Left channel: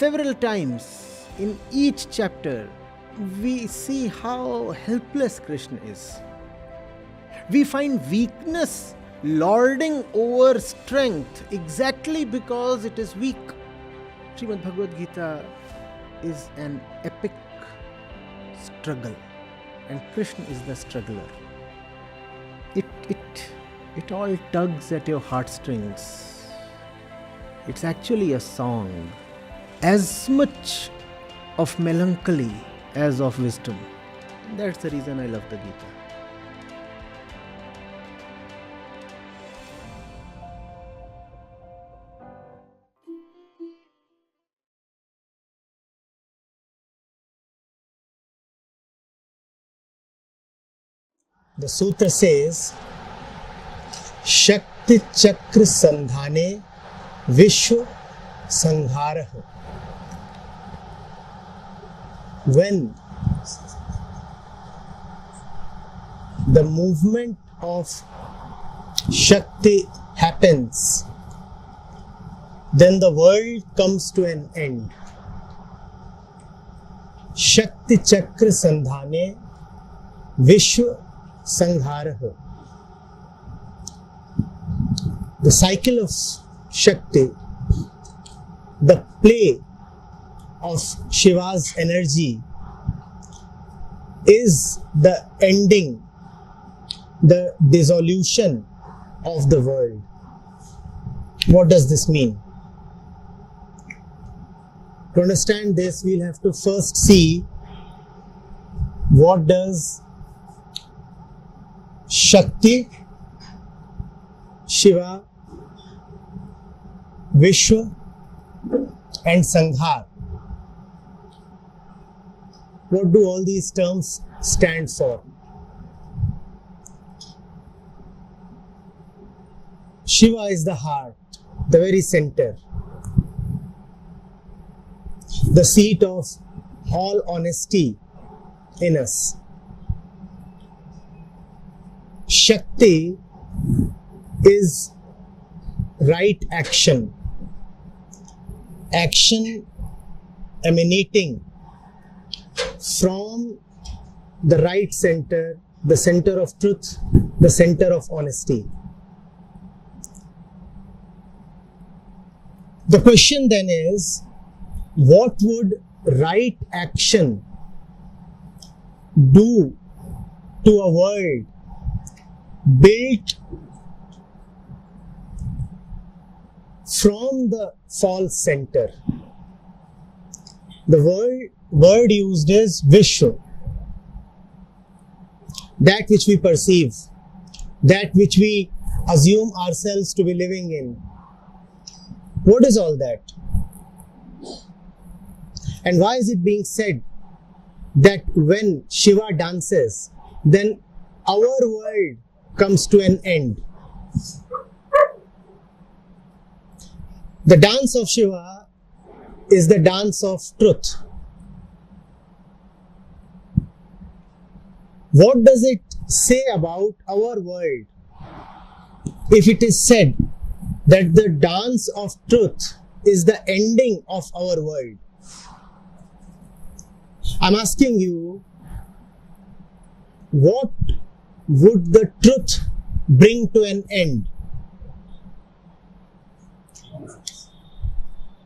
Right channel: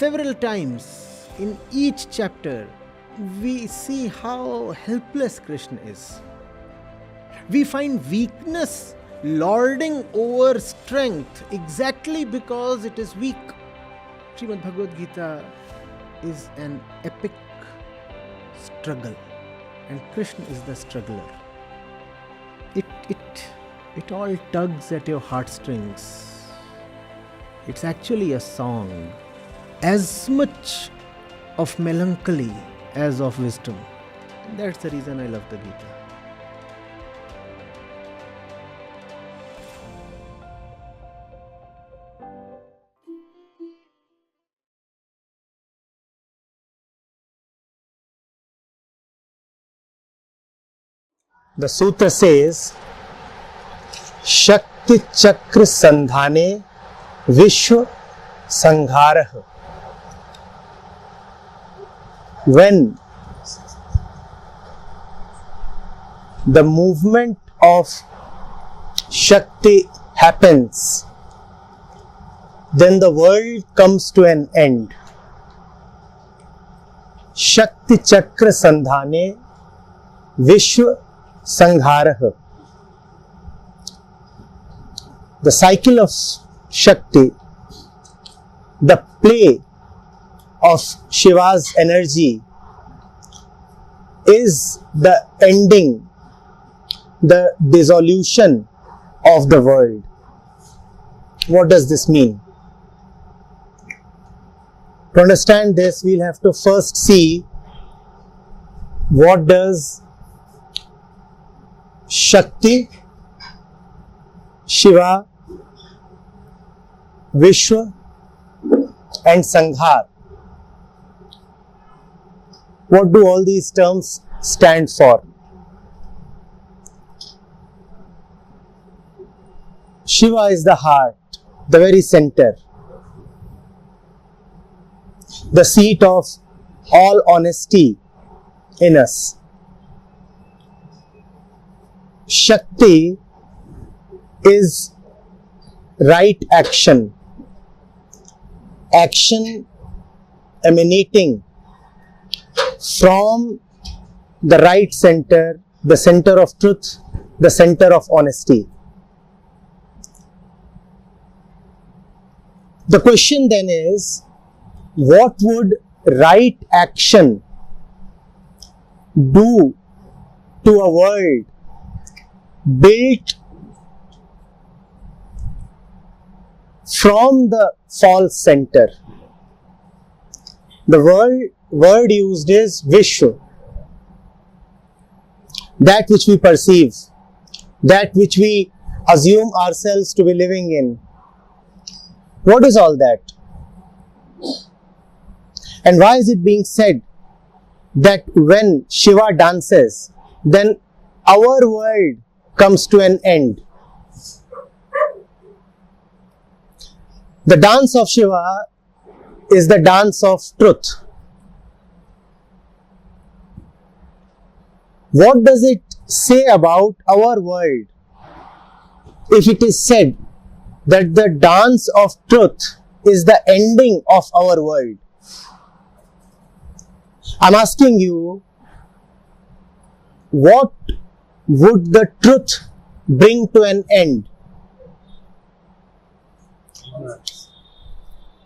several times in each chapter, we see how helpless Krishna is. We find weakness lording over strength exactly because it is weak. Srimad Bhagavad Gita is an epic struggle, and Krishna is the struggler. It all tugs at your heartstrings. It's actually a song, as much of melancholy as of wisdom. And that's the reason I love the Gita. The sutra says, Shakti Chakra Sandhane Vishwa Sangharah. When the movement of Shakti happens, then the world comes to an end. Shakti Chakra Sandhane Vishwa Sangharah. The cycle of Shakti, the play of Shiva's energy, is the ending, the dissolution of the world. What does this mean? To understand this, we'll have to first see what does Shakti, Shiva, Vishwa and Sanghar, what do all these terms stand for? Shiva is the heart, the very center, the seat of all honesty in us. Shakti is right action, action emanating from the right center, the center of truth, the center of honesty. The question then is, what would right action do to a world built from the false center? The word used is Vishwa. That which we perceive, that which we assume ourselves to be living in. What is all that? And why is it being said that when Shiva dances, then our world comes to an end? The dance of Shiva is the dance of truth. What does it say about our world if it is said that the dance of truth is the ending of our world? I'm asking you, what would the truth bring to an end?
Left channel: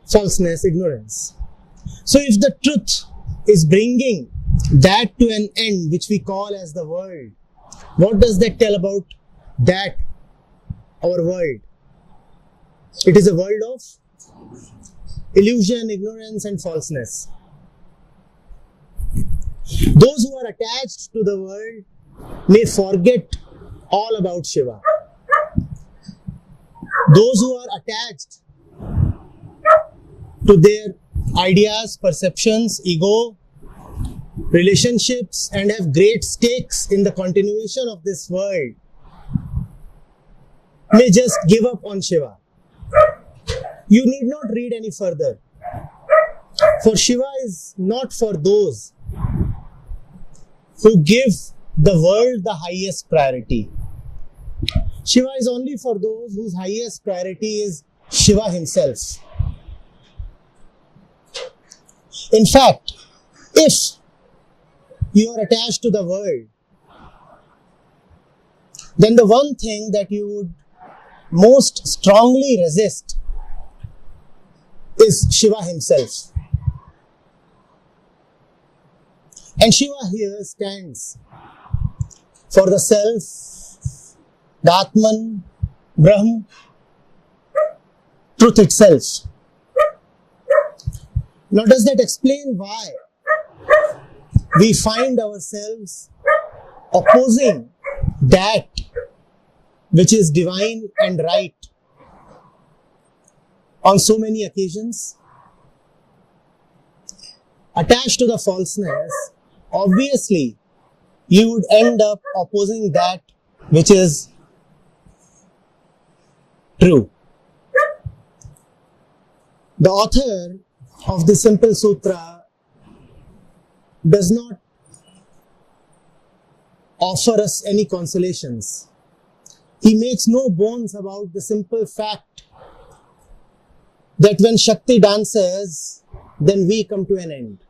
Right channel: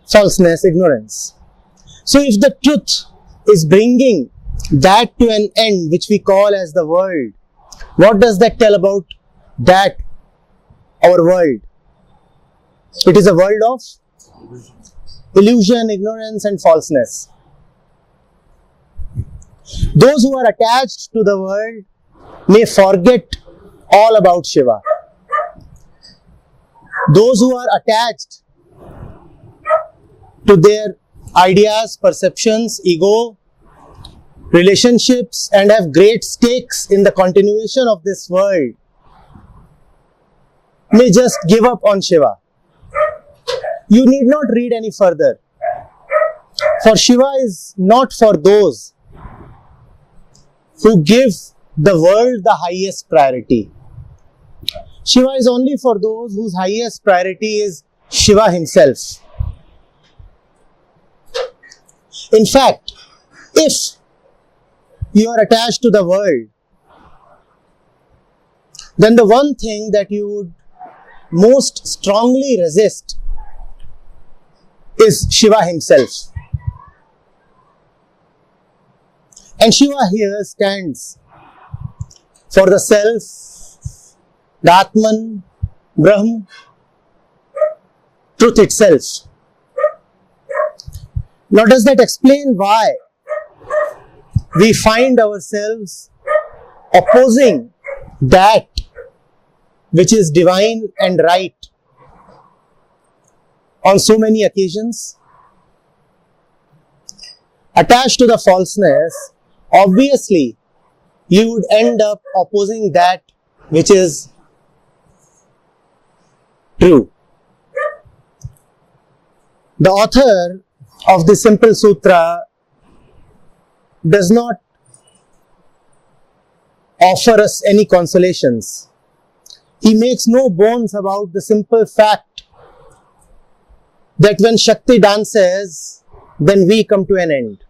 Falseness, ignorance. So if the truth is bringing that to an end, which we call as the world, what does that tell about that, our world? It is a world of illusion, ignorance and falseness. Those who are attached to the world may forget all about Shiva. Those who are attached to their ideas, perceptions, ego, relationships and have great stakes in the continuation of this world may just give up on Shiva. You need not read any further. For Shiva is not for those who give the world the highest priority. Shiva is only for those whose highest priority is Shiva himself. In fact, if you are attached to the world, then the one thing that you would most strongly resist is Shiva himself. And Shiva here stands for the self, the Atman, Brahm, truth itself. Now, does that explain why we find ourselves opposing that which is divine and right on so many occasions? Attached to the falseness, obviously, you would end up opposing that which is true. The author of the simple sutra does not offer us any consolations. He makes no bones about the simple fact that when Shakti dances, then we come to an end.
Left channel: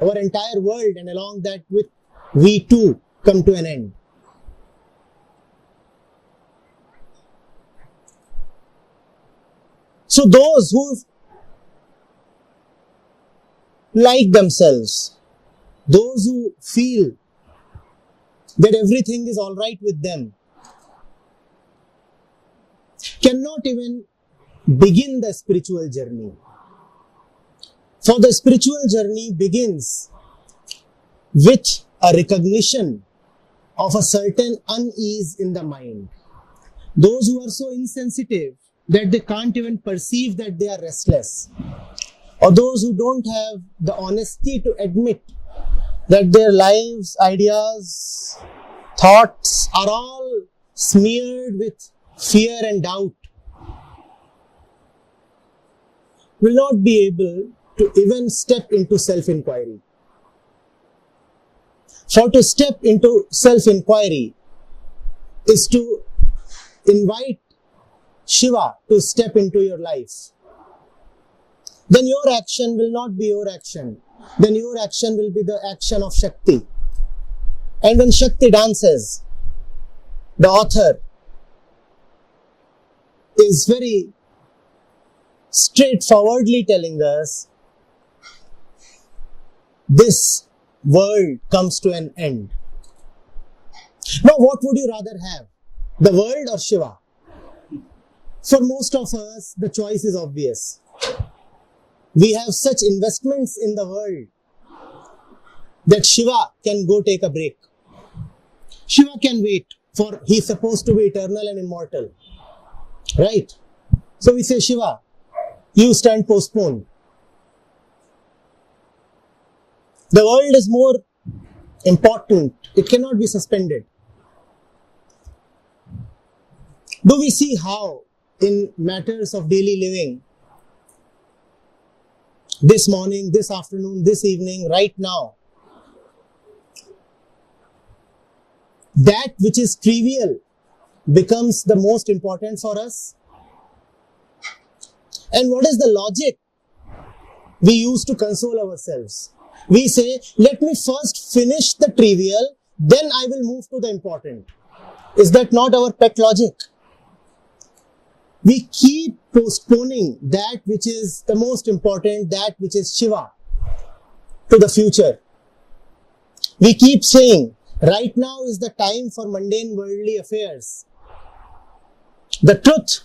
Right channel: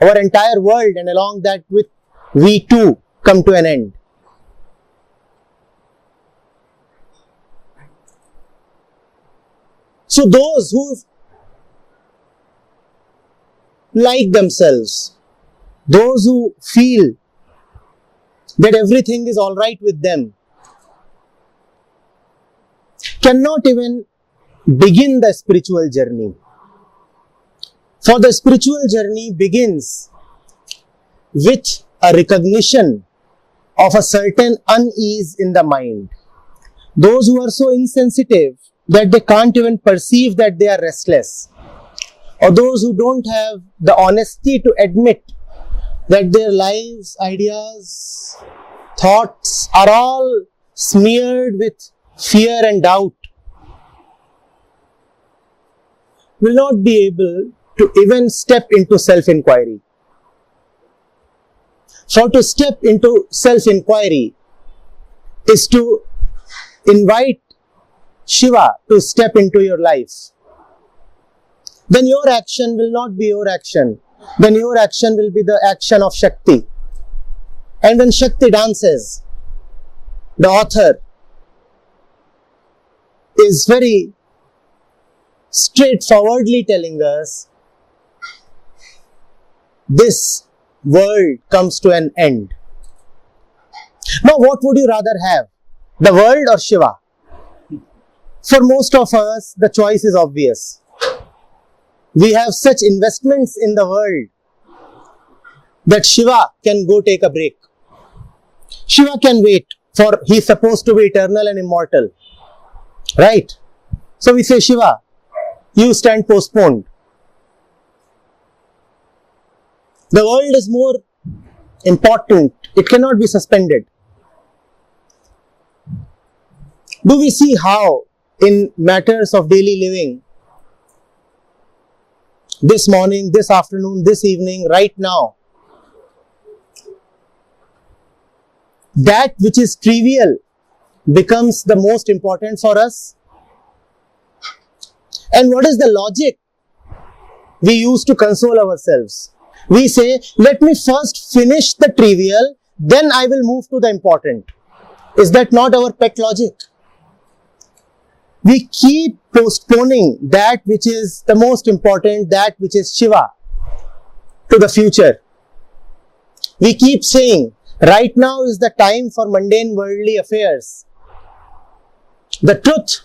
Our entire world, and along that with we too come to an end. So those who like themselves, those who feel that everything is all right with them, cannot even begin the spiritual journey. For the spiritual journey begins with a recognition of a certain unease in the mind. Those who are so insensitive that they can't even perceive that they are restless, or those who don't have the honesty to admit that their lives, ideas, thoughts are all smeared with fear and doubt, will not be able to even step into self-inquiry. For to step into self-inquiry is to invite Shiva to step into your life. Then your action will not be your action. Then your action will be the action of Shakti. And when Shakti dances, the author is very straightforwardly telling us this world comes to an end. Now, what would you rather have? The world or Shiva? For most of us, the choice is obvious. We have such investments in the world that Shiva can go take a break. Shiva can wait, for he's supposed to be eternal and immortal. Right? So we say, Shiva, you stand postponed. The world is more important. It cannot be suspended. Do we see how in matters of daily living, this morning, this afternoon, this evening, right now, that which is trivial becomes the most important for us? And what is the logic we use to console ourselves? We say, let me first finish the trivial, then I will move to the important. Is that not our pet logic? We keep postponing that which is the most important, that which is Shiva, to the future. We keep saying, right now is the time for mundane worldly affairs. The truth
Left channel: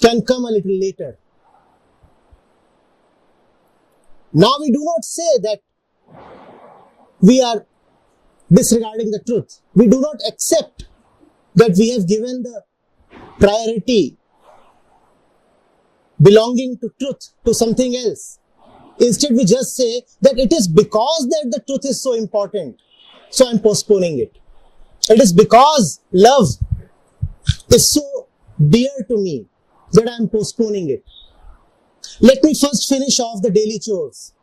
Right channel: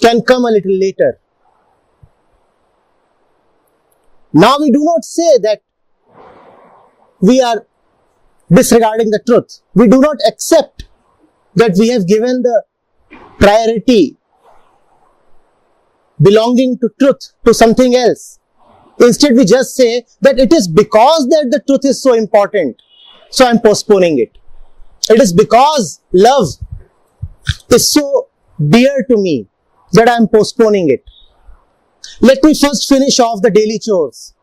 can come a little later. Now we do not say that we are disregarding the truth. We do not accept that we have given the priority belonging to truth to something else. Instead, we just say that it is because that the truth is so important, so I am postponing it. It is because love is so dear to me that I am postponing it. Let me first finish off the daily chores.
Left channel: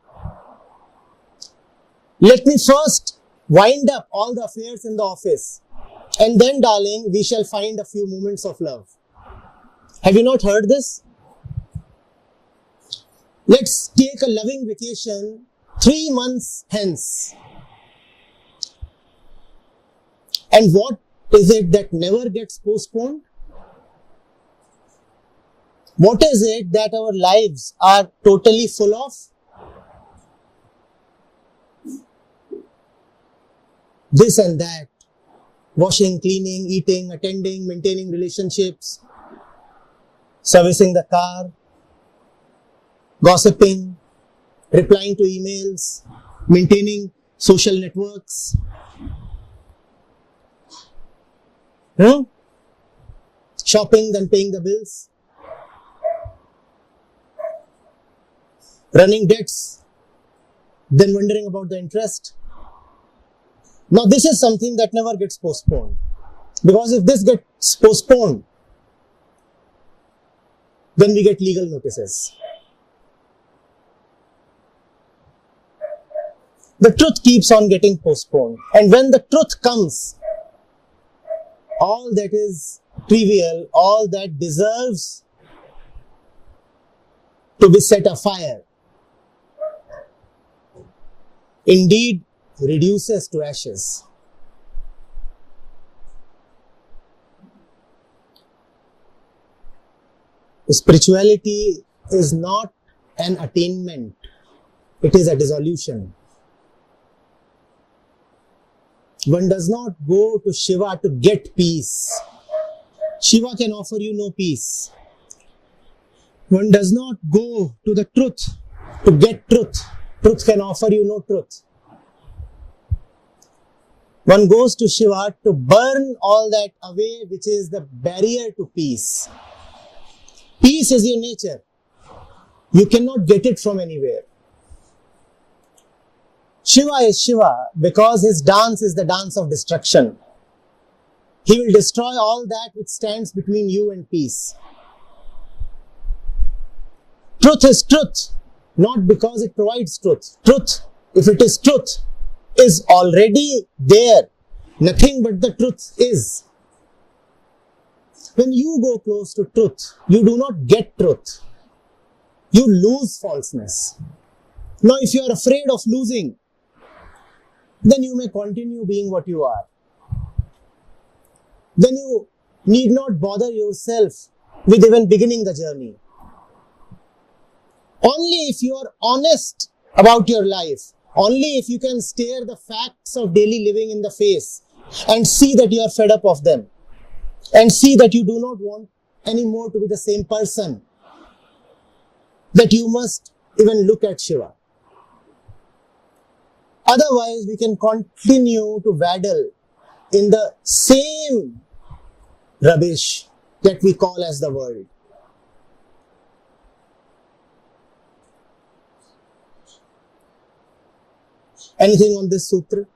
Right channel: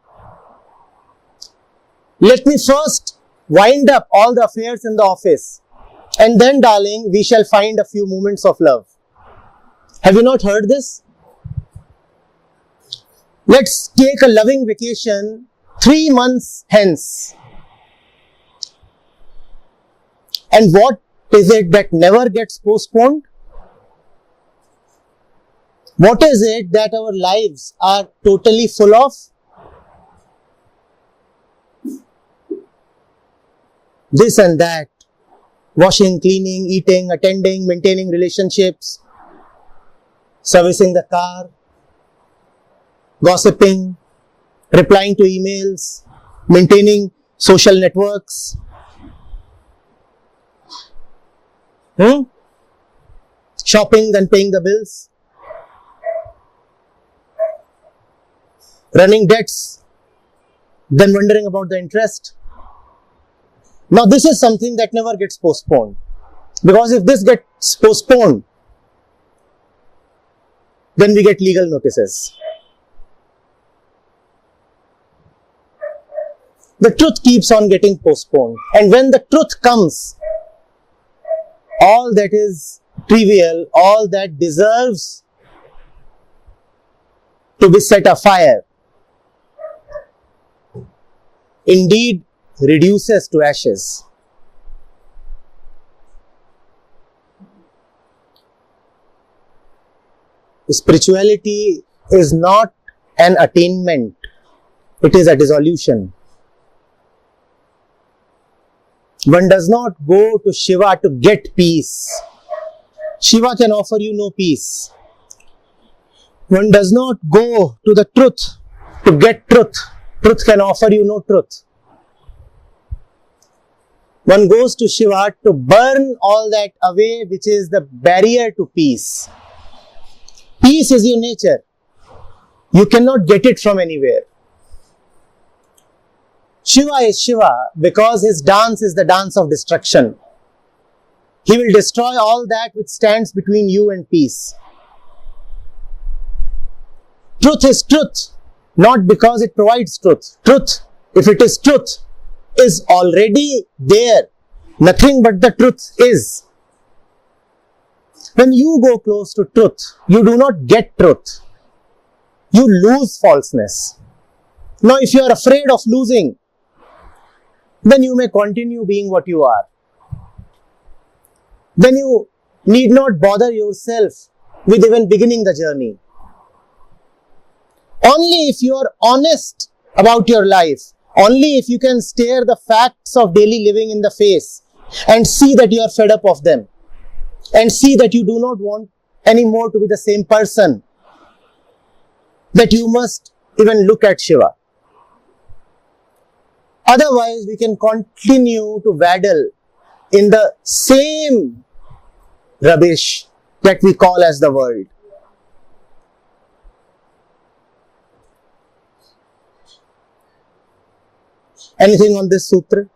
Let me first wind up all the affairs in the office. And then, darling, we shall find a few moments of love. Have you not heard this? Let's take a loving vacation 3 months hence. And what is it that never gets postponed? What is it that our lives are totally full of? This and that. Washing, cleaning, eating, attending, maintaining relationships, servicing the car, gossiping, replying to emails, maintaining social networks. Shopping, then paying the bills. Running debts, then wondering about the interest. Now this is something that never gets postponed. Because if this gets postponed, then we get legal notices. The truth keeps on getting postponed. And when the truth comes, all that is trivial, all that deserves to be set afire, indeed reduces to ashes. Spirituality is not an attainment, it is a dissolution. One does not go to Shiva to get peace. Shiva can offer you no peace. One does not go to the truth to get truth. Truth can offer you no truth. One goes to Shiva to burn all that away which is the barrier to peace. Peace is your nature. You cannot get it from anywhere. Shiva is Shiva because his dance is the dance of destruction. He will destroy all that which stands between you and peace. Truth is truth, not because it provides truth. Truth, if it is truth, is already there. Nothing but the truth is. When you go close to truth, you do not get truth. You lose falseness. Now, if you are afraid of losing, then you may continue being what you are. Then you need not bother yourself with even beginning the journey. Only if you are honest about your life, only if you can stare the facts of daily living in the face and see that you are fed up of them and see that you do not want anymore to be the same person, that you must even look at Shiva. Otherwise, we can continue to waddle in the same rubbish that we call as the world. Anything on this sutra?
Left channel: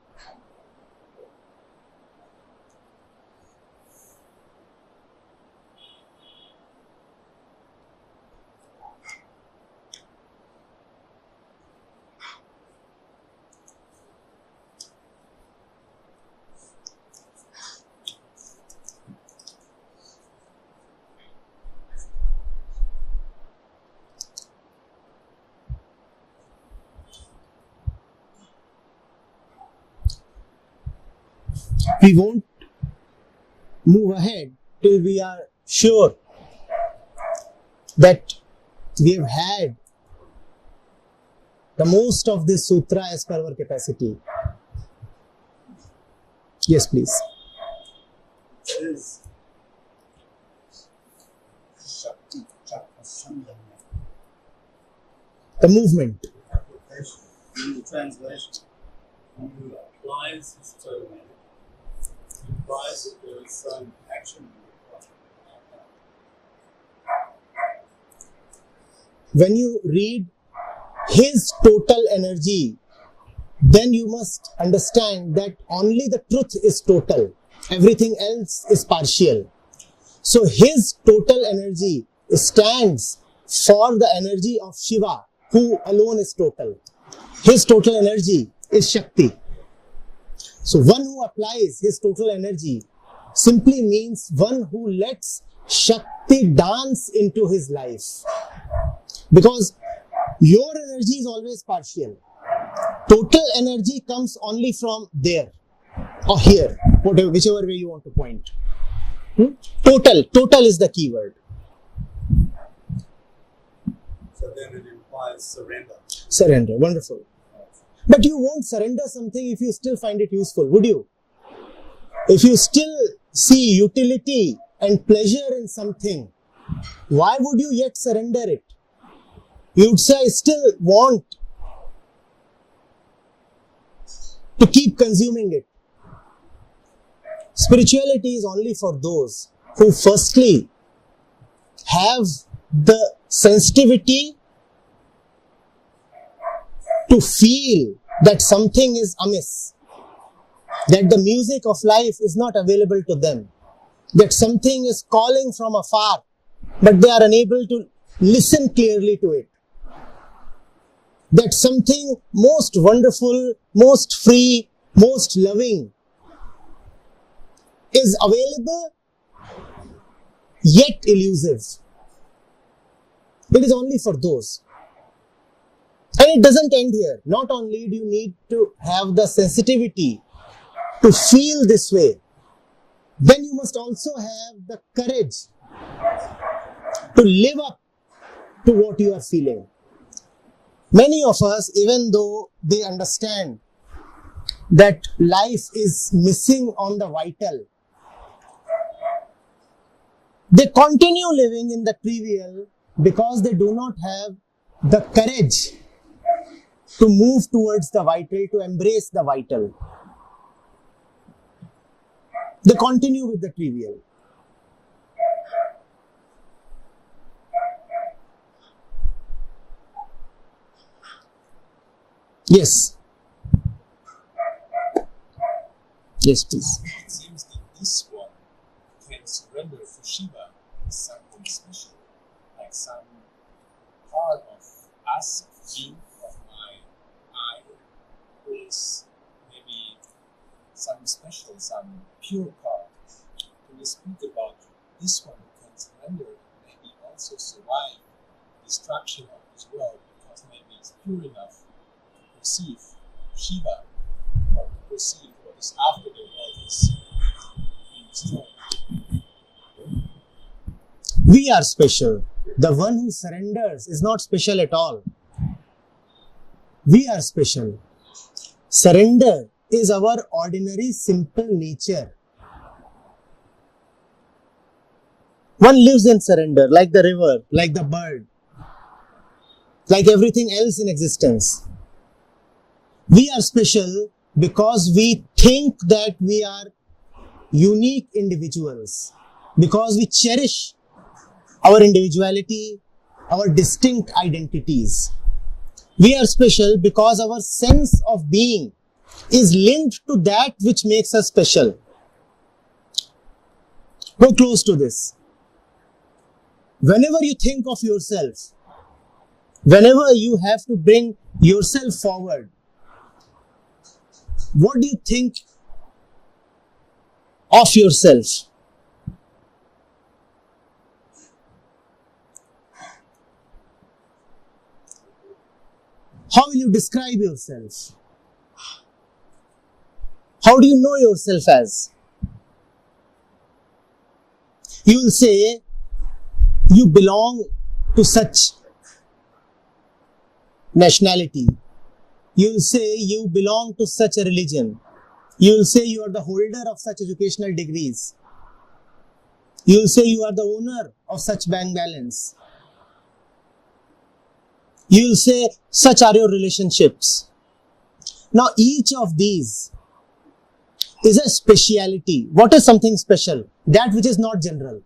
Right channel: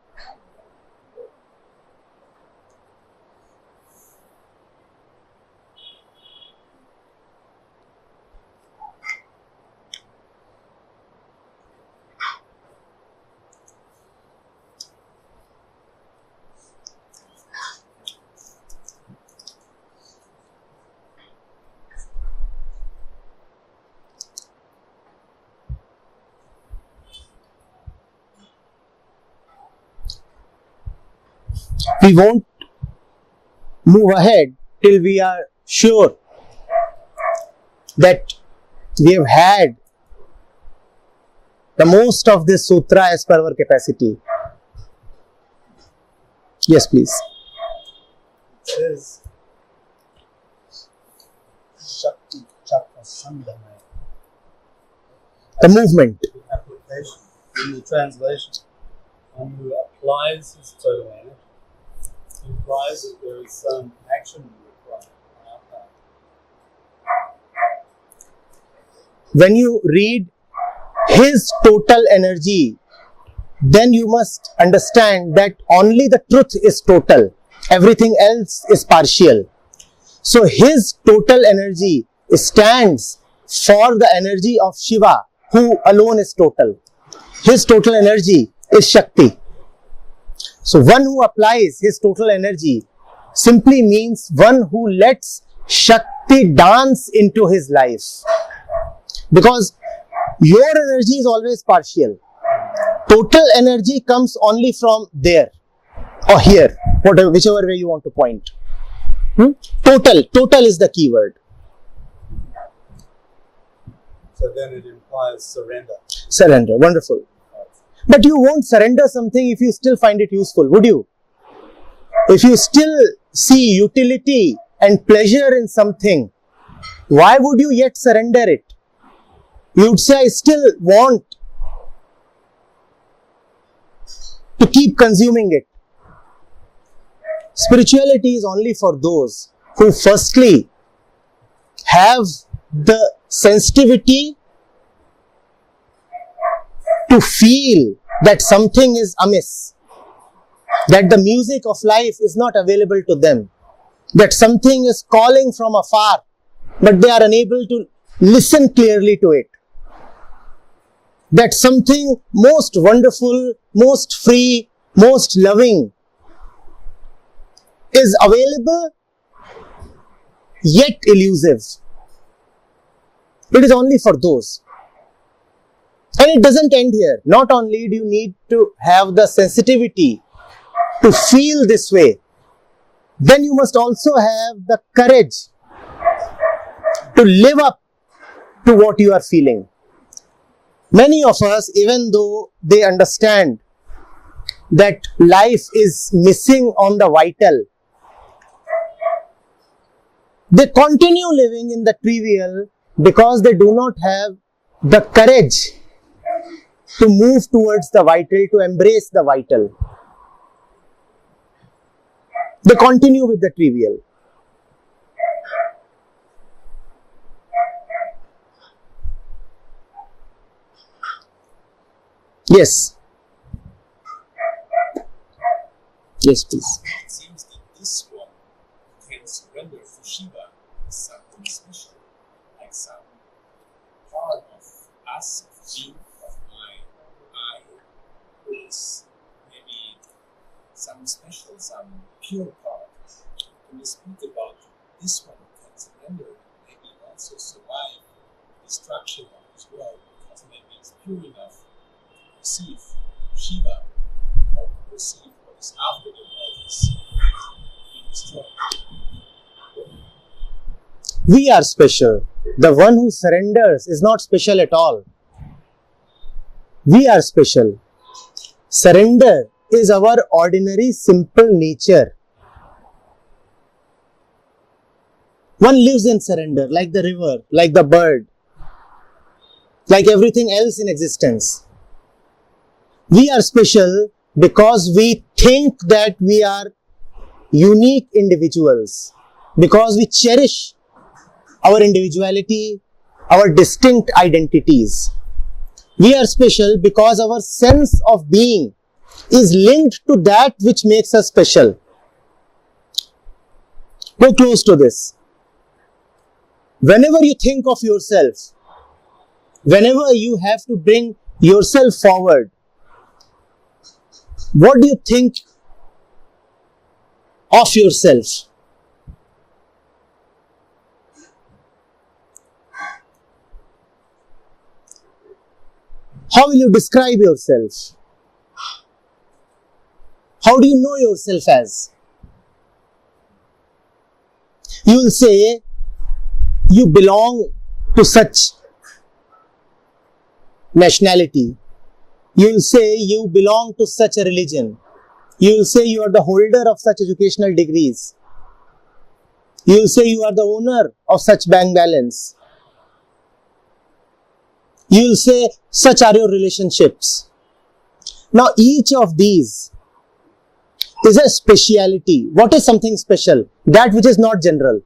We won't move ahead till we are sure that we have had the most of this sutra as per our capacity. Yes, please. It says Shakti Chakra Sandhana. The movement. Application in the translation. One who applies his total energy implies that there is some action required on our part. When you read his total energy, then you must understand that only the truth is total. Everything else is partial. So his total energy stands for the energy of Shiva, who alone is total. His total energy is Shakti. So one who applies his total energy simply means one who lets Shakti dance into his life. Because Your energy is always partial. Total energy comes only from there or here, whatever, whichever way you want to point. Total is the key word. So then it implies surrender. Surrender, wonderful. But you won't surrender something if you still find it useful, would you? If you still see utility and pleasure in something, why would you yet surrender it? You would say, I still want to keep consuming it. Spirituality is only for those who firstly have the sensitivity to feel that something is amiss, that the music of life is not available to them, that something is calling from afar, but they are unable to listen clearly to it, that something most wonderful, most free, most loving is available yet elusive. It is only for those. And it doesn't end here. Not only do you need to have the sensitivity to feel this way, then you must also have the courage to live up to what you are feeling. Many of us, even though they understand that life is missing on the vital, they continue living in the trivial because they do not have the courage to move towards the vital, to embrace the vital. They continue with the trivial. Yes. Yes, please. It seems that this one can surrender for Shiva as something special, like some part of us, of me, of my I, is maybe some special, some pure part. Can you speak about this one who can surrender and maybe also survive destruction of this world because maybe it's pure enough to perceive Shiva or to perceive what is after the world has been destroyed? We are special. The one who surrenders is not special at all. We are special. Surrender is our ordinary simple nature. One lives in surrender, like the river, like the bird, like everything else in existence. We are special because we think that we are unique individuals, because we cherish our individuality, our distinct identities. We are special because our sense of being is linked to that which makes us special. Go close to this. Whenever you think of yourself, whenever you have to bring yourself forward, what do you think of yourself? How will you describe yourself? How do you know yourself as? You will say, you belong to such nationality. You will say, you belong to such a religion. You will say, you are the holder of such educational degrees. You will say, you are the owner of such bank balance. You will say, such are your relationships. Now, each of these is a speciality. What is something special? That which is not general.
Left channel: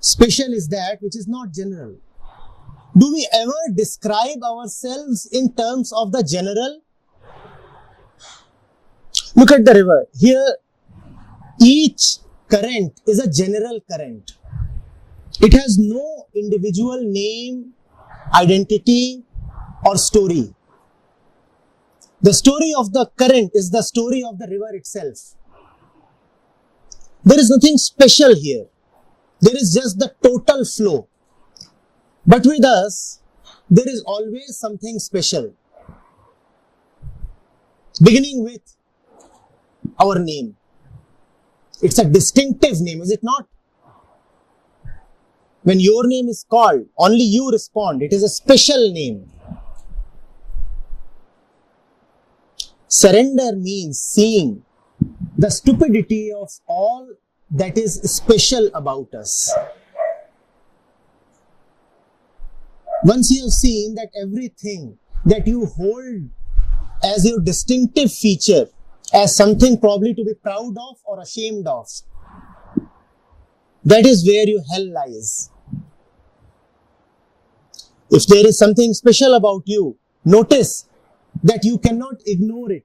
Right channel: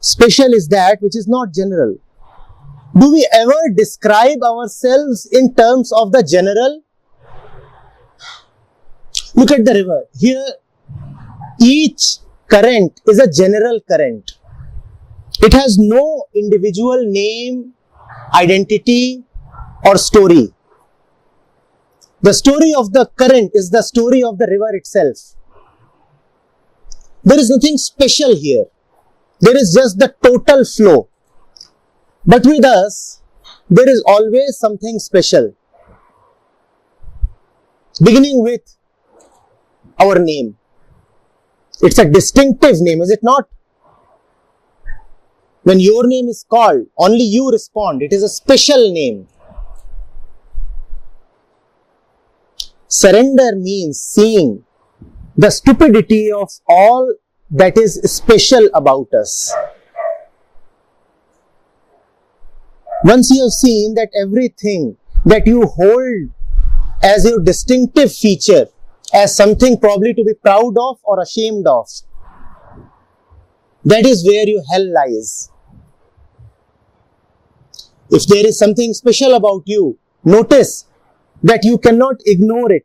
Special is that which is not general. Do we ever describe ourselves in terms of the general? Look at the river. Here, each current is a general current. It has no individual name, identity, or story. The story of the current is the story of the river itself. There is nothing special here. There is just the total flow. But with us, there is always something special, beginning with our name. It's a distinctive name, is it not? When your name is called, only you respond. It is a special name. Surrender means seeing the stupidity of all that is special about us. Once you have seen that everything that you hold as your distinctive feature, as something probably to be proud of or ashamed of, that is where your hell lies. If there is something special about you, notice that you cannot ignore it.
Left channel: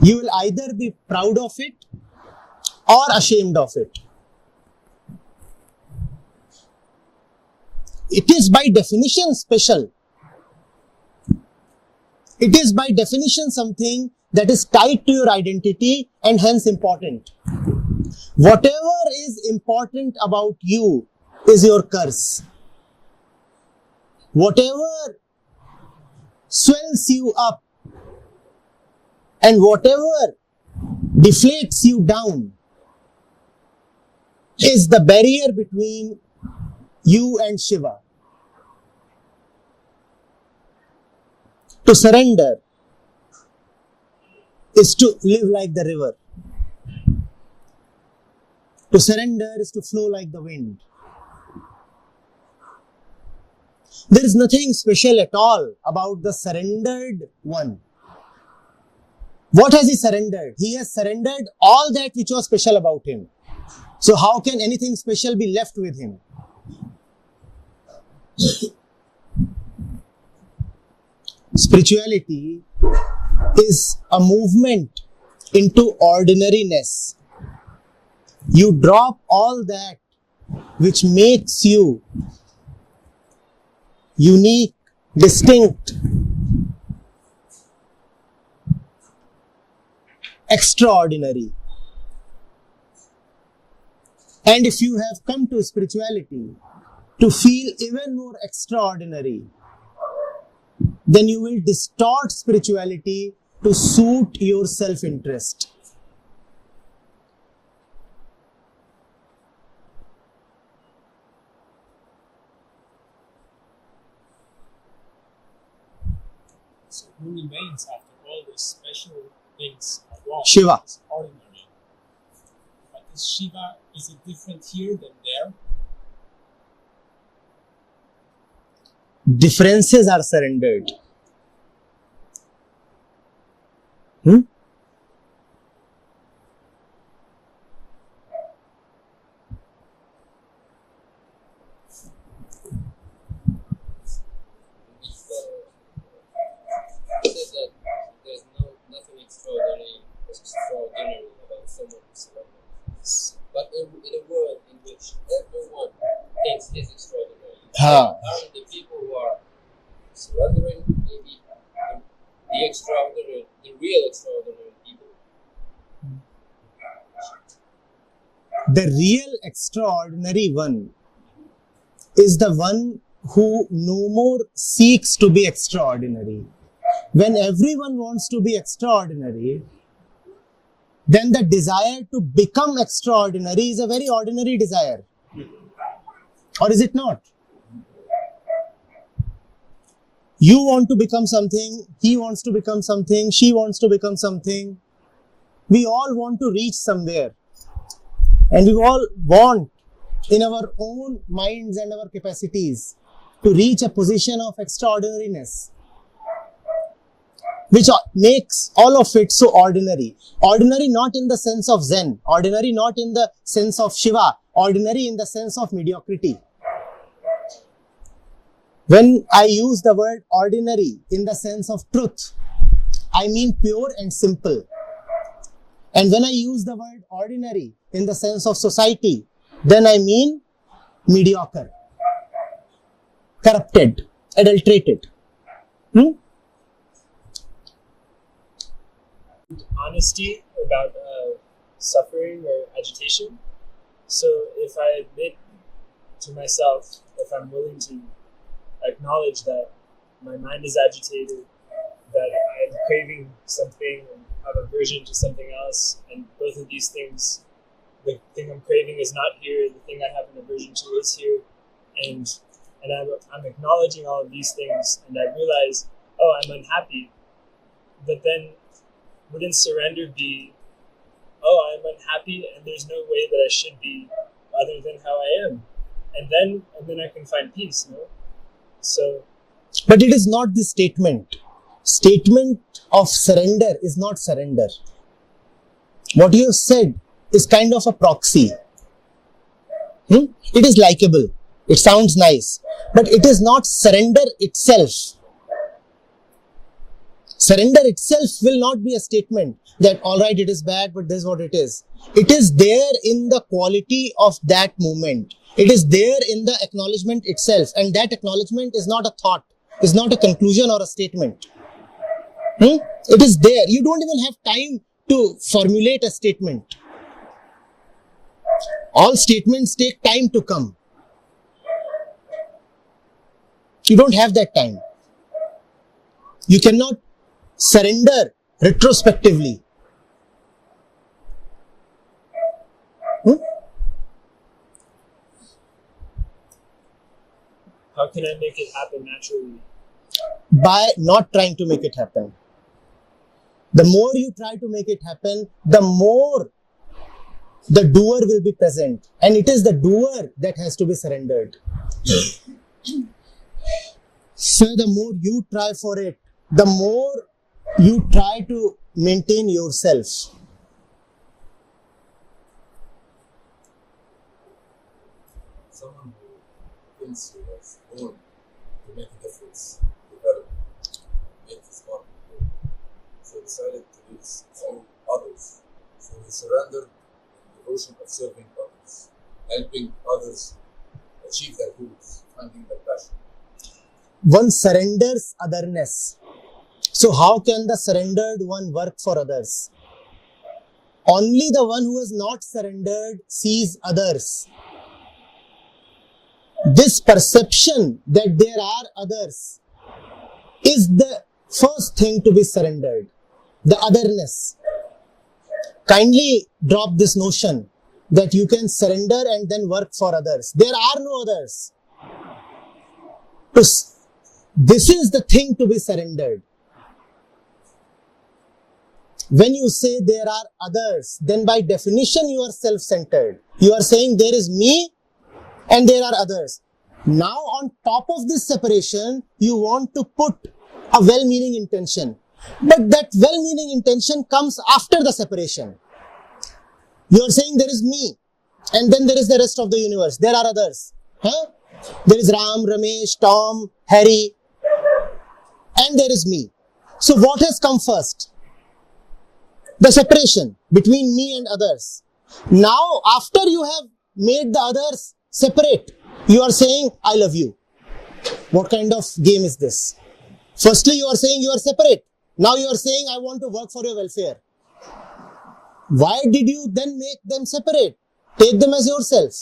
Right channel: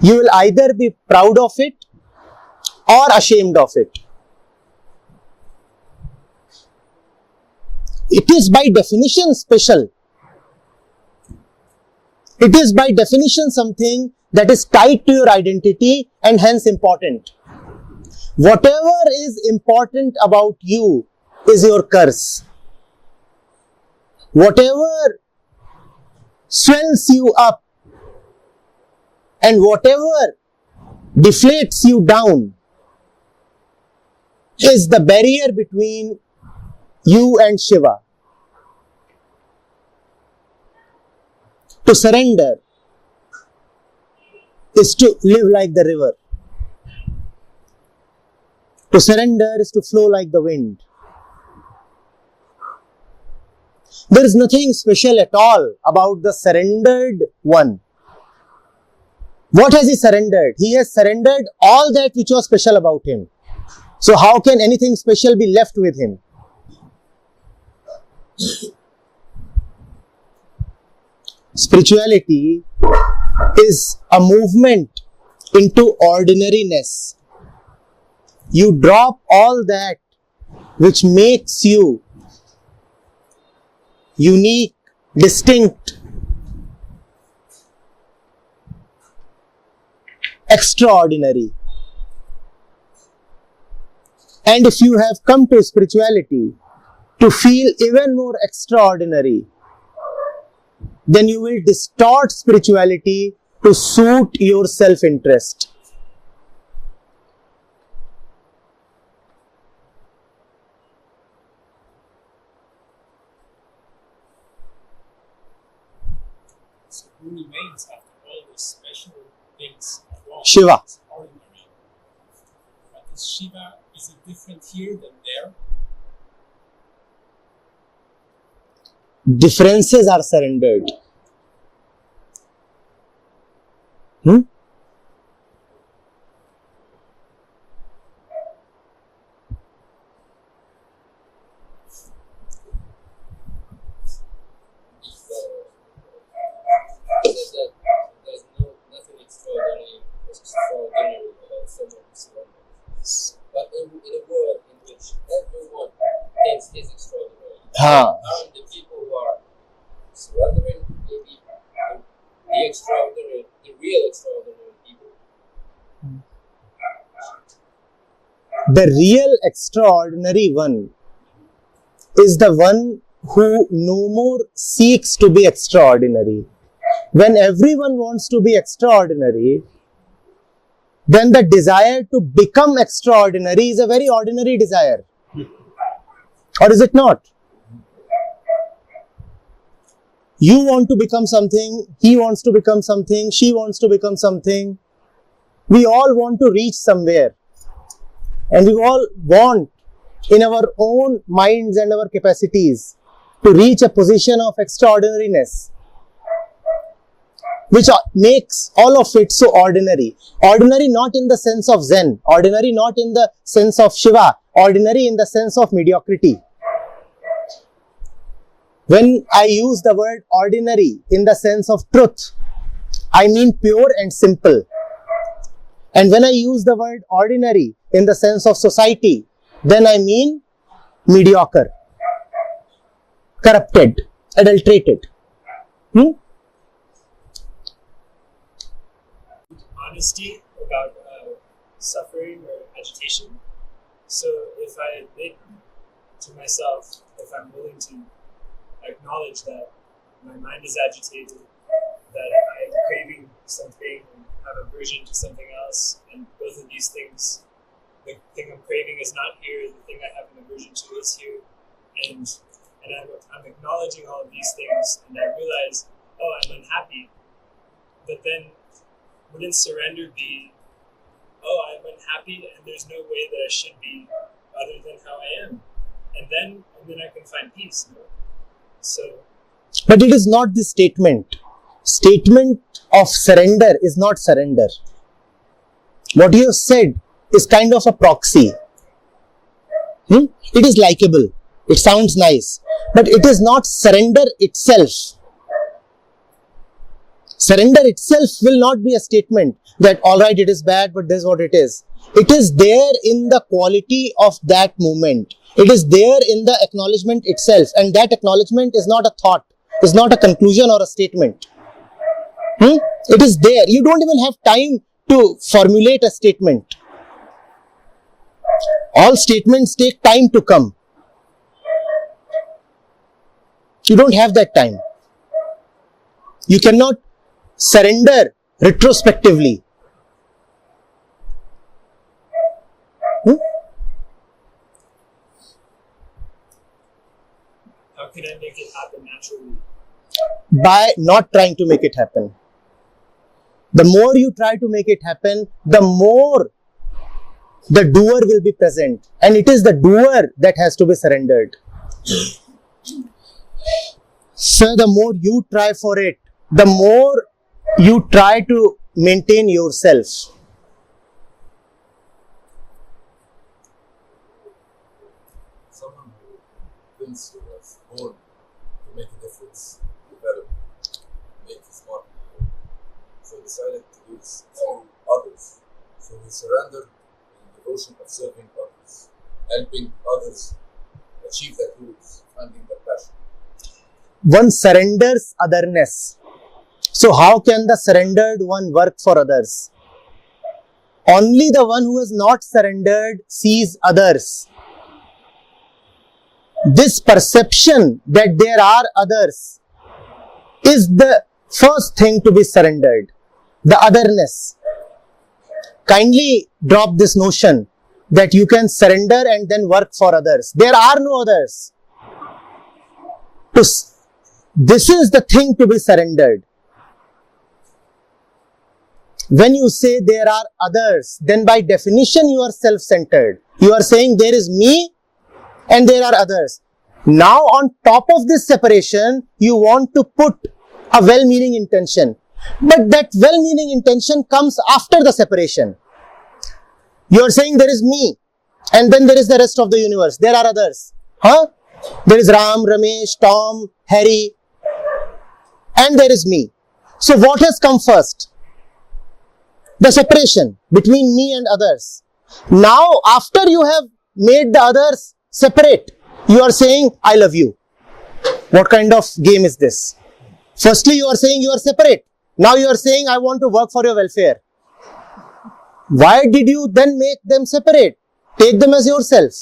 You will either be proud of it or ashamed of it. It is by definition special. It is by definition something that is tied to your identity and hence important. Whatever is important about you is your curse. Whatever swells you up and whatever deflates you down is the barrier between you and Shiva. To surrender is to live like the river. To surrender is to flow like the wind. There is nothing special at all about the surrendered one. What has he surrendered? He has surrendered all that which was special about him. So how can anything special be left with him? Spirituality is a movement into ordinariness. You drop all that which makes you unique, distinct, extraordinary. And if you have come to spirituality to feel even more extraordinary, then you will distort spirituality to suit your self-interest. So who remains after all the special things are gone? Shiva. It's ordinary. But is Shiva, is it different here than there? Differences are surrendered. Says that there's nothing extraordinary about someone who surrenders. But in a world in which everyone thinks he's extraordinary, aren't the people who are surrendering maybe the extraordinary, the real extraordinary people? The real extraordinary one is the one who no more seeks to be extraordinary. When everyone wants to be extraordinary, then the desire to become extraordinary is a very ordinary desire. Or is it not? You want to become something, he wants to become something, she wants to become something. We all want to reach somewhere. And we all want, in our own minds and our capacities, to reach a position of extraordinariness, which makes all of it so ordinary. Ordinary not in the sense of Zen, ordinary not in the sense of Shiva, ordinary in the sense of mediocrity. When I use the word ordinary in the sense of truth, I mean pure and simple. And when I use the word ordinary in the sense of society, then I mean mediocre, corrupted, adulterated. Honesty about suffering or agitation. So if I admit to myself, if I'm willing to acknowledge that my mind is agitated, that I'm craving something and have aversion to something else, and both of these things, the thing I'm craving is not here, the thing I have an aversion to is here, and I'm acknowledging all of these things, and I realize, oh, I'm unhappy, but then wouldn't surrender be, oh, I'm unhappy and there's no way that I should be other than how I am, and then I can find peace, no? So, but it is not the statement. Statement of surrender is not surrender. What you have said is kind of a proxy. It is likable. It sounds nice. But it is not surrender itself. Surrender itself will not be a statement that, alright, it is bad, but this is what it is. It is there in the quality of that moment. It is there in the acknowledgement itself. And that acknowledgement is not a thought, is not a conclusion or a statement. It is there. You don't even have time to formulate a statement. All statements take time to come. You don't have that time. You cannot surrender retrospectively. how can I make it happen naturally? By not trying to make it happen. The more you try to make it happen, the more the doer will be present. And it is the doer that has to be surrendered. So the more you try for it, the more you try to maintain yourself. Someone who thinks he was born to make a difference, develop, make his mark grow. So he decided to do this through others. So he surrendered in the devotion of serving others, helping others achieve their goals, finding their passion. One surrenders otherness. So how can the surrendered one work for others? Only the one who has not surrendered sees others. This perception that there are others is the first thing to be surrendered. The otherness. Kindly drop this notion that you can surrender and then work for others. There are no others. This is the thing to be surrendered. When you say there are others, then by definition you are self-centered. You are saying there is me and there are others. Now on top of this separation, you want to put a well-meaning intention. But that well-meaning intention comes after the separation. You are saying there is me and then there is the rest of the universe. There are others. There is Ram, Ramesh, Tom, Harry, and there is me. So what has come first? The separation between me and others. Now, after you have made the others separate, you are saying, I love you. What kind of game is this? Firstly, you are saying you are separate. Now you are saying, I want to work for your welfare. Why did you then make them separate? Take them as yourself.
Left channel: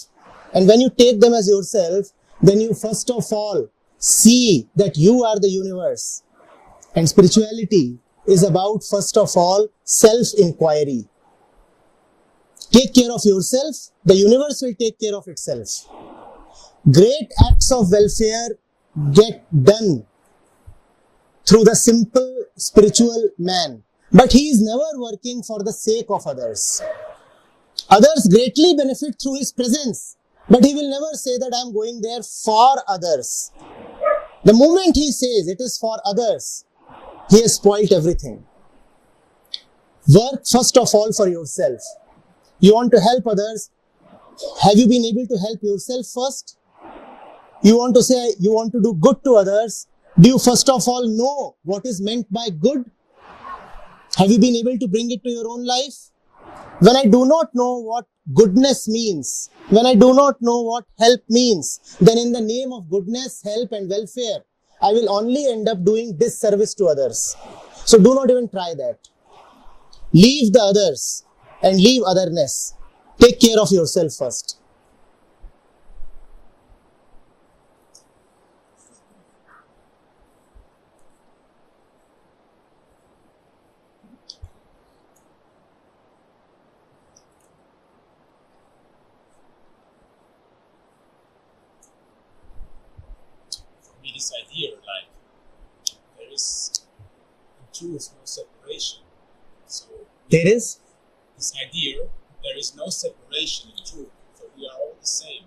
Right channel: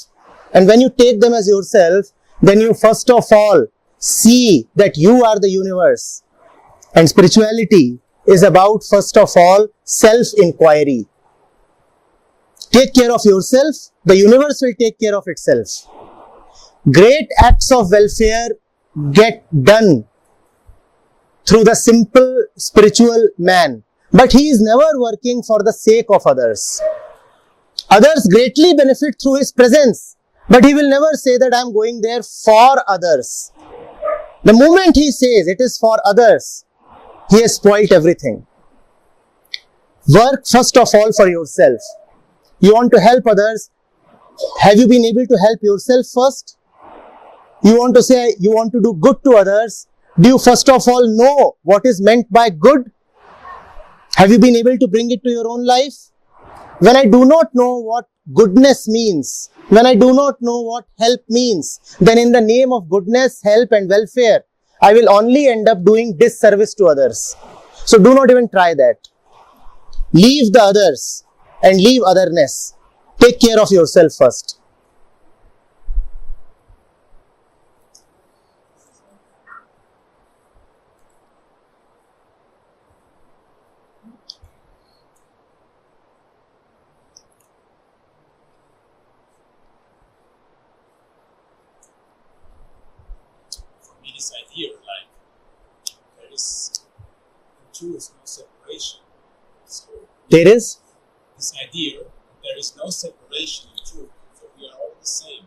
And when you take them as yourself, then you first of all see that you are the universe. And spirituality is about, first of all, self-inquiry. Take care of yourself, the universe will take care of itself. Great acts of welfare get done through the simple spiritual man, but he is never working for the sake of others. Others greatly benefit through his presence, but he will never say that I am going there for others. The moment he says it is for others, he has spoiled everything. Work first of all for yourself. You want to help others. Have you been able to help yourself first? You want to say you want to do good to others. Do you first of all know what is meant by good? Have you been able to bring it to your own life? When I do not know what goodness means, when I do not know what help means, then in the name of goodness, help and welfare, I will only end up doing disservice to others. So do not even try that. Leave the others and leave otherness. Take care of yourself first. this idea like there is in truth no separation. So There is? this idea there is no separation in truth. So we are all the same.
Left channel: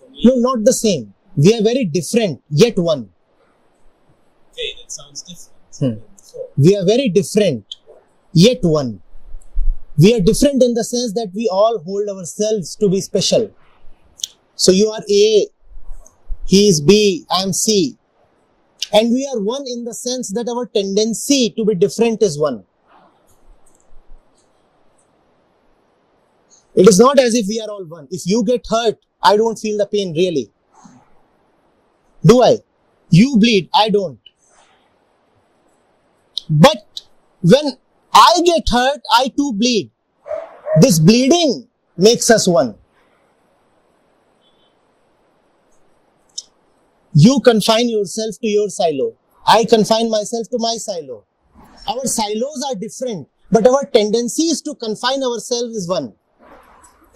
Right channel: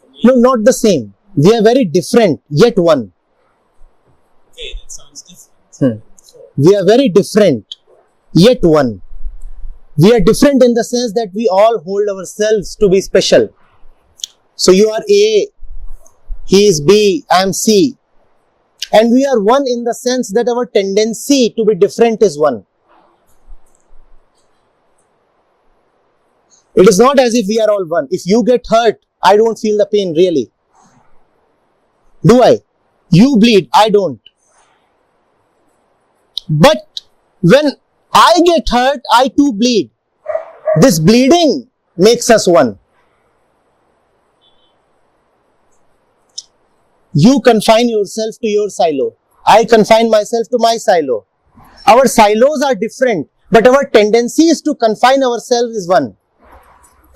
For me, No, not the same. We are very different, yet one. okay, that sounds different Hmm. than before. We are very different, yet one. We are different in the sense that we all hold ourselves to be special. So you are A, he is B, I am C. And we are one in the sense that our tendency to be different is one. It is not as if we are all one. If you get hurt, I don't feel the pain really. Do I? You bleed, I don't. But when I get hurt, I too bleed. This bleeding makes us one. You confine yourself to your silo. I confine myself to my silo. Our silos are different, but our tendency is to confine ourselves is one.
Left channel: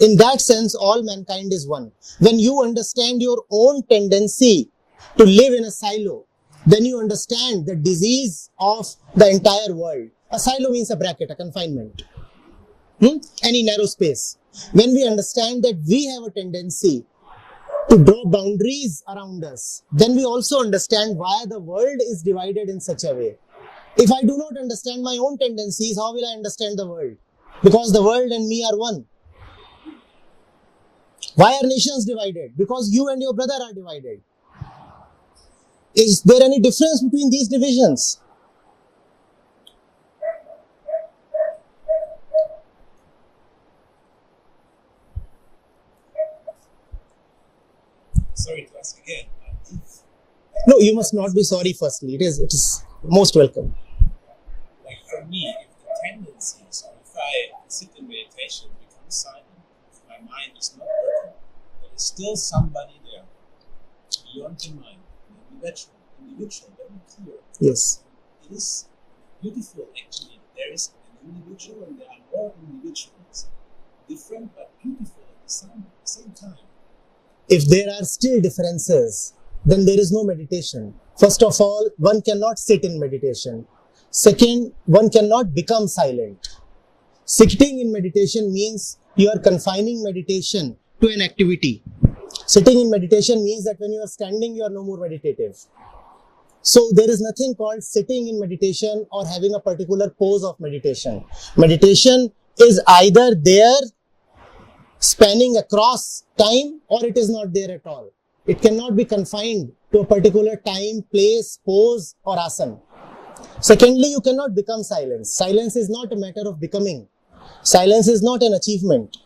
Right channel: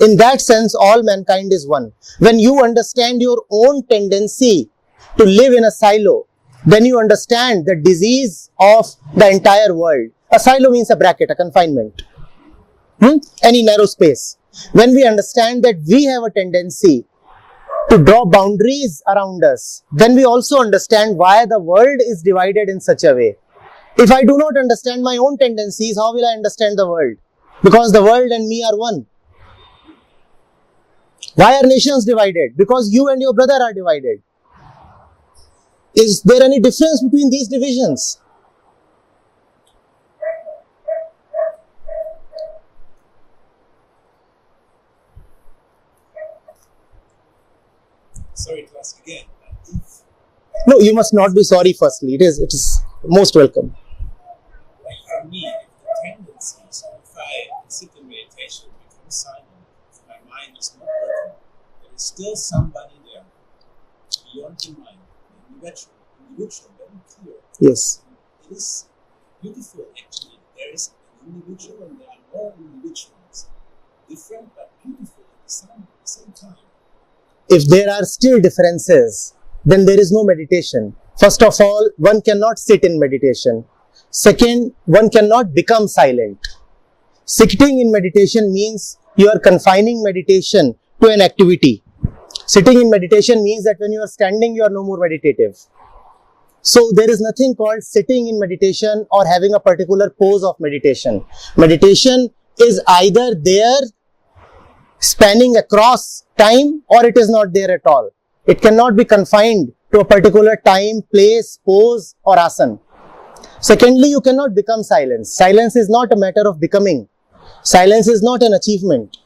In that sense, all mankind is one. When you understand your own tendency to live in a silo, then you understand the disease of the entire world. A silo means a bracket, a confinement. Any narrow space. When we understand that we have a tendency to draw boundaries around us, then we also understand why the world is divided in such a way. If I do not understand my own tendencies, how will I understand the world? Because the world and me are one. Why are nations divided? Because you and your brother are divided. Is there any difference between these divisions? Sorry to ask again, but if No, you must not be sorry firstly. It is most welcome. like for me, if the tendency, so if I sit in meditation, become silent, if my mind is not working, there is still somebody there, beyond the mind, an individual, very clear. Yes. It is beautiful actually. There is an individual and there are more individuals, different but beautiful at the same time. If there are still differences, then there is no meditation. First of all, one cannot sit in meditation. Second, one cannot become silent. Sitting in meditation means you are confining meditation to an activity. Sitting in meditation means that when you are standing, you are no more meditative. So there is nothing called sitting in meditation or having a particular pose of meditation. Meditation is either there spanning across time or it is not there at all. It cannot be confined to a particular time, place, pose or asana. Secondly, you cannot become silence. Silence is not a matter of becoming. Silence is not an achievement.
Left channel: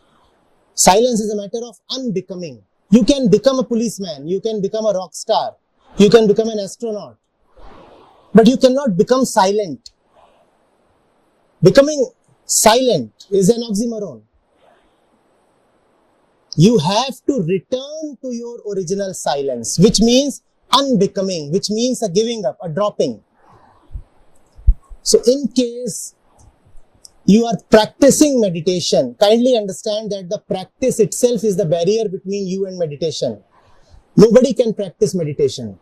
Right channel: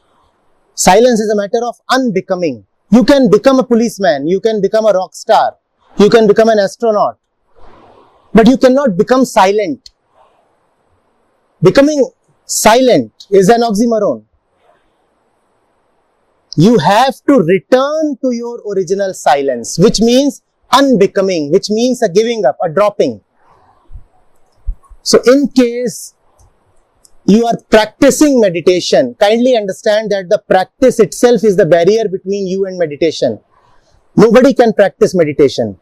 Silence is a matter of unbecoming. You can become a policeman, you can become a rock star, you can become an astronaut, but you cannot become silent. Becoming silent is an oxymoron. You have to return to your original silence, which means unbecoming, which means a giving up, a dropping. So in case you are practicing meditation, kindly understand that the practice itself is the barrier between you and meditation. Nobody can practice meditation.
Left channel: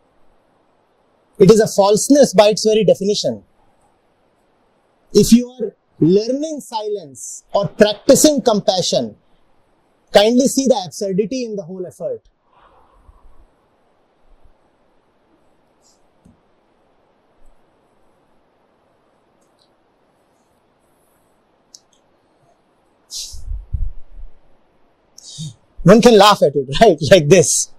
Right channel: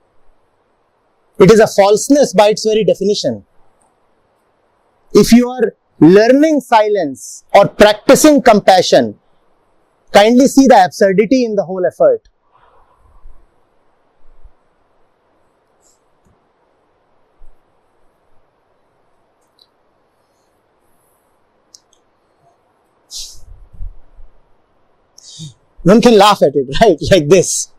It is a falseness by its very definition. If you are learning silence or practicing compassion, kindly see the absurdity in the whole effort. One can laugh at it, right? Like this.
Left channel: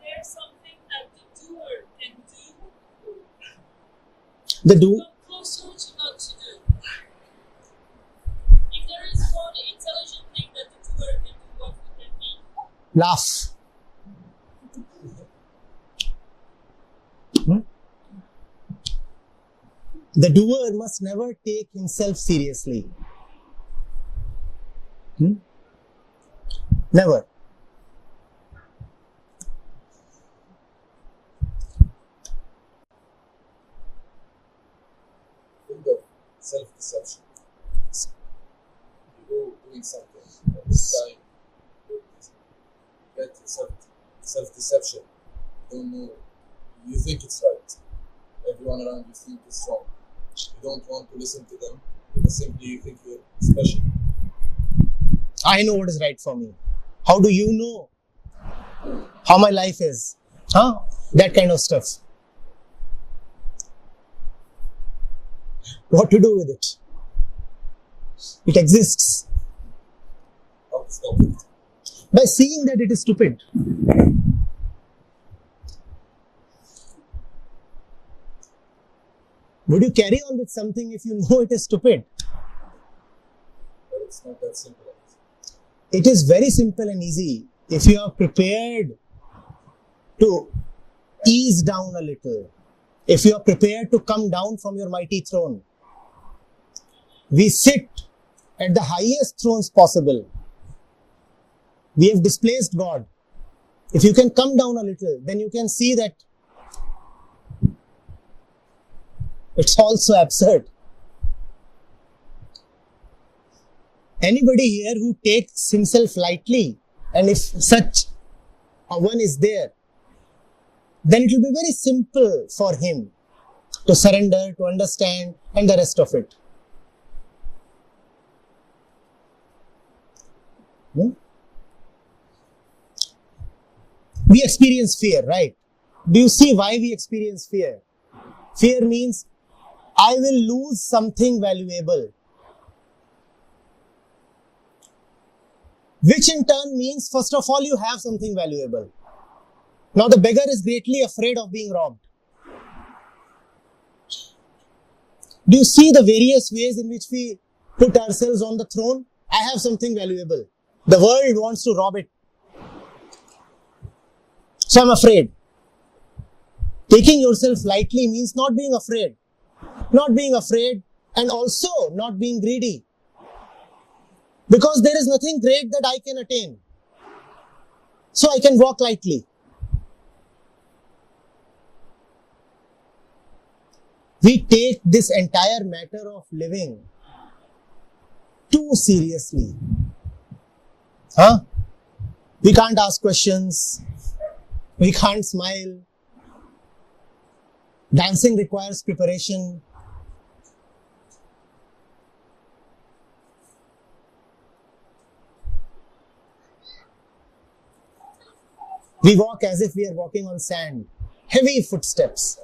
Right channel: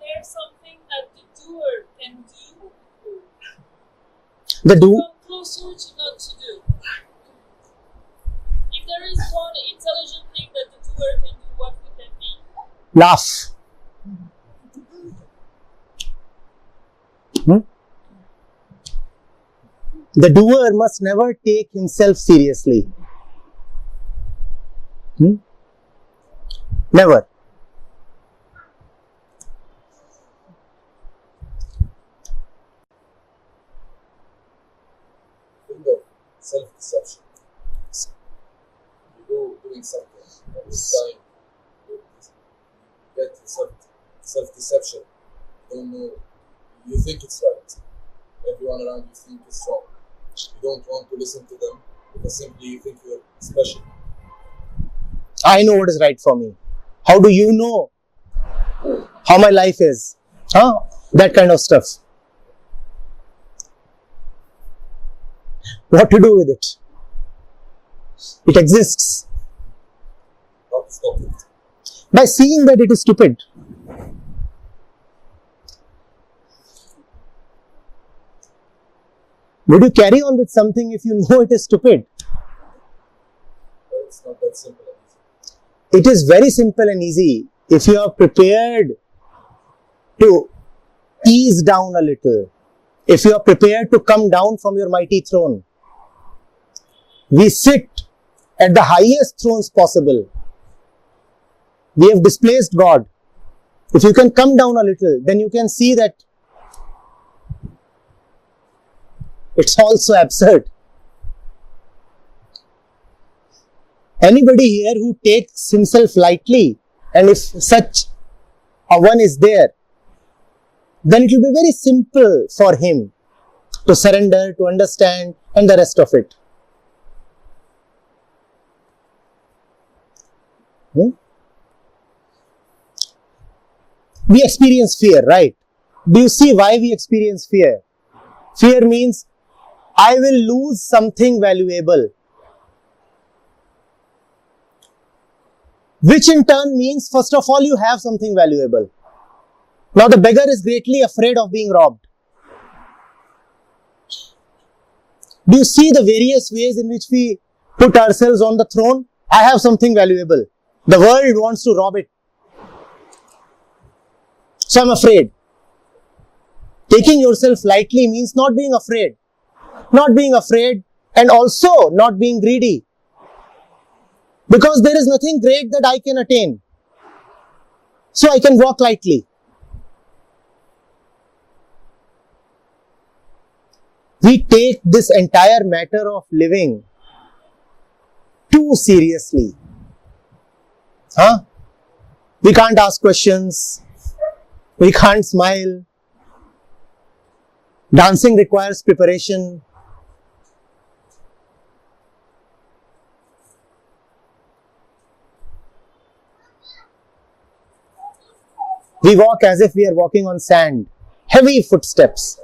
There's something that the doer can do. The do, Come closer to not to do. If there is one intelligent thing that the doer can do, what would that be? laugh. The doer must never take himself seriously. Never. self-deception. You go doing something, and this time you get self-deception. You don't know. You think it's right. Everyone around you think it's wrong. You don't want to listen to them because simply you think you're special. I know what is right for me. How do you know how my life is? That kind of stuff. What to do with it? It exists. How to stop it? By seeing that it is stupid. Would you carry on with something if you know it is stupid? But it's not that simple and easy. It is very simple and easy if you are prepared to ease down a little. If you are prepared to come down from your mighty throne. We sit at the highest thrones possible. We have displaced God. If you can come down a little, then you can see that it's also absurd. Anybody here who takes himself lightly, and if such a one is there, then it will be very simple for him to surrender, to understand, and the rest of it. We experience fear, right? Do you see why we experience fear? Fear means I will lose something valuable. Which in turn means, first of all, you have something valuable. Now the beggar is greatly afraid of being robbed. Do you see the various ways in which we put ourselves on the throne? I have something valuable. The world wants to rob it. So I'm afraid. Taking yourself lightly means not being afraid. Not being afraid and also not being greedy. Because there is nothing great that I can attain. So I can walk lightly. We take this entire matter of living too seriously. We can't ask questions. We can't smile. Dancing requires preparation. We walk as if we are walking on sand. Heavy footsteps.